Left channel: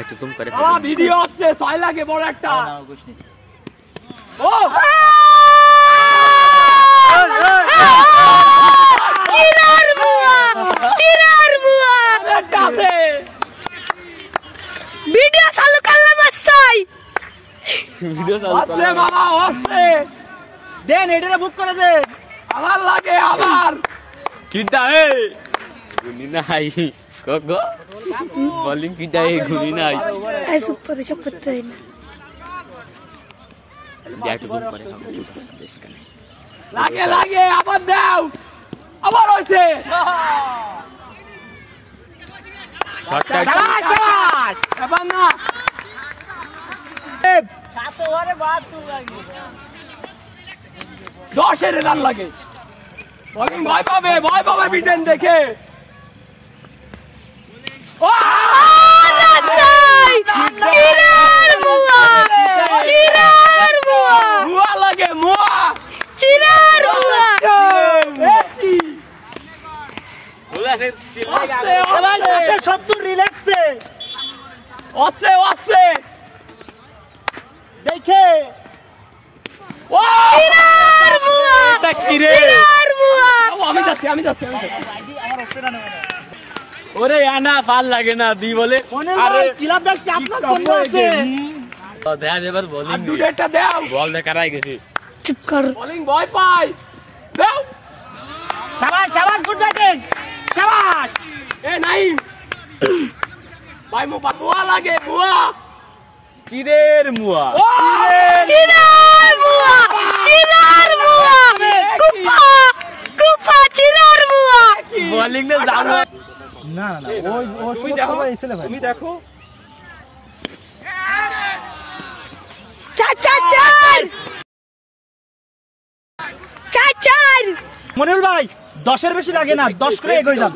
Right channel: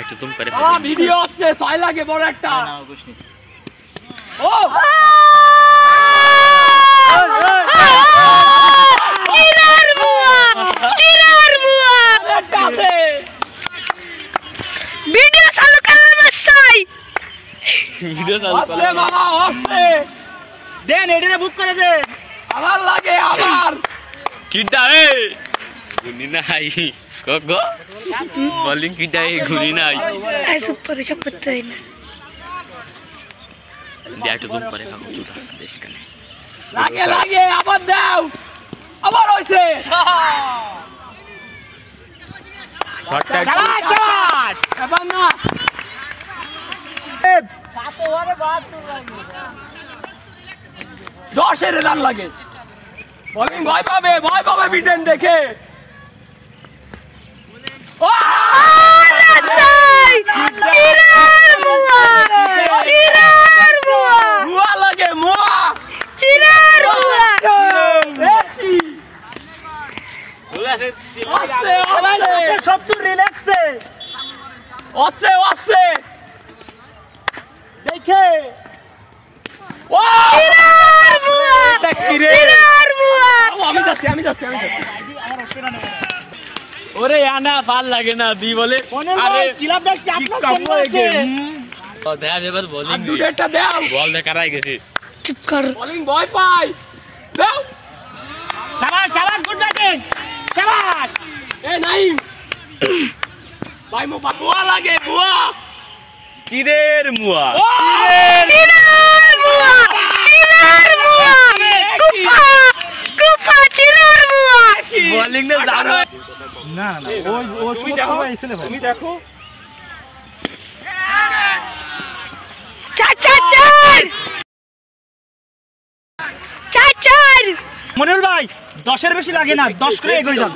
একটু তুম করে ভিডিও আসছে 6 লাগে বড় একটা ও চিরার বুয়া আছে ভিডিও চালু করলাম আসাই ভিডিও চালু আছে বাবা আছে দেন এটারে বুক করে দে আমার লাগে আমার কিটা এ গুনি নাই গো বোলিং কিটা এ গুনি নাই এই সুপার সব করতে দেই না দিয়ে একটু তুম করে খাও তুই দেশ কানে লাগে আবার দাও আবার হইছে শটটা এবার না দশের রান লাগে বোলিং ভয় পাবে বিটেন দেখে মুয়া লাগে মুয়া সব তো রিল্যাক্সে আছে দেখে আমি যাচ্ছি ওরে আনা ভাল লাগে না দি বলে আরে ক্লাব ব্যাচ কি আপনার জন্য আছে তো দেখা এবার বোলিং দুটেটা দাও বল দেখারাই গেছে চুপ কর বোলিং ভয় পাই দাও শাবাশ গুড ব্যাটিং শাবাশ এ নাই ভাই মুয়া লাগে মুয়া চিরের মুয়া বোলিং না যাও না ওই তুমি দেখো তুমি দেখো মনির ভাই 10 বেশি লাগে না 10 করে এগোই যান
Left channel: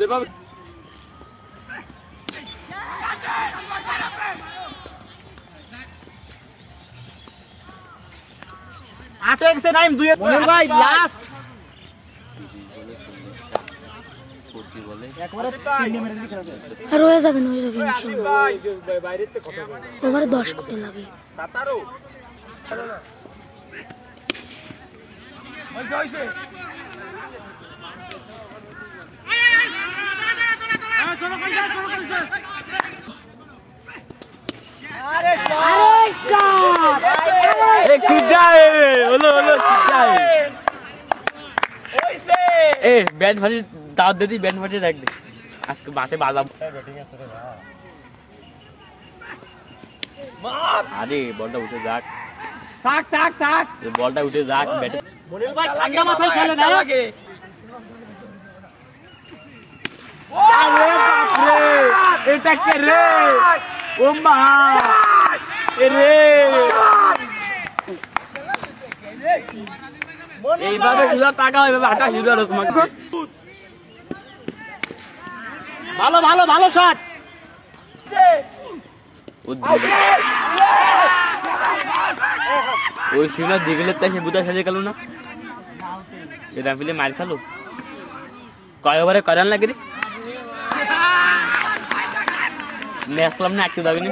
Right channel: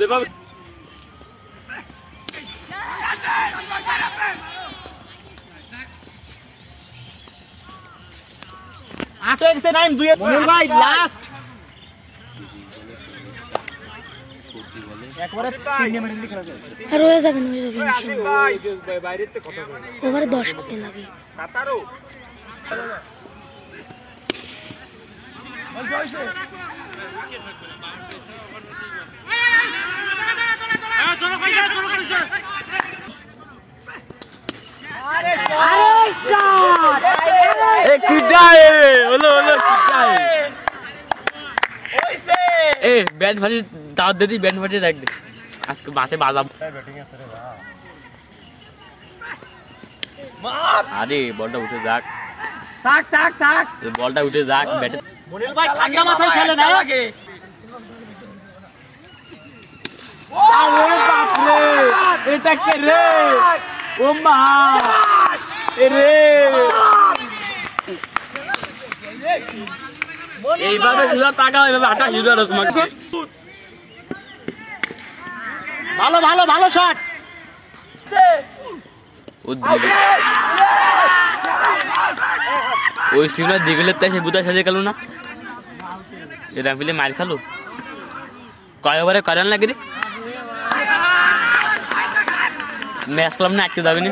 আটে গেছে নাইম দুই মনির ভাই লাস্ট একবারে 3 গেমের লিখে রাখো আর হয়ে যাবে ইনশাআল্লাহ ওভারে 10 কোটি লাগে এ ব্যাট ফাটি দাঁত দিদি ব্যাট ফাটি রাখ দে আজকে মাঠে বাজাব আরে বলটা উঠে যাক থাক বলটা উঠে যাক ব্যাটে মনির ভাই ঠান্ডা মাথায় খেলে না লাগে আরে বাপ রে এটা কে রে ও মা রে এইভাবে জুয়া টাকা এইভাবে 28 জুয়া তোমার ভালো শট ওই সিগনাল দিগলে তাই সে বুতা সাজে গেল না এরা ফিলে মার খালো কয় ওভারে করান লাগে রে ম্যাচ খেলাম না একটু যাবে না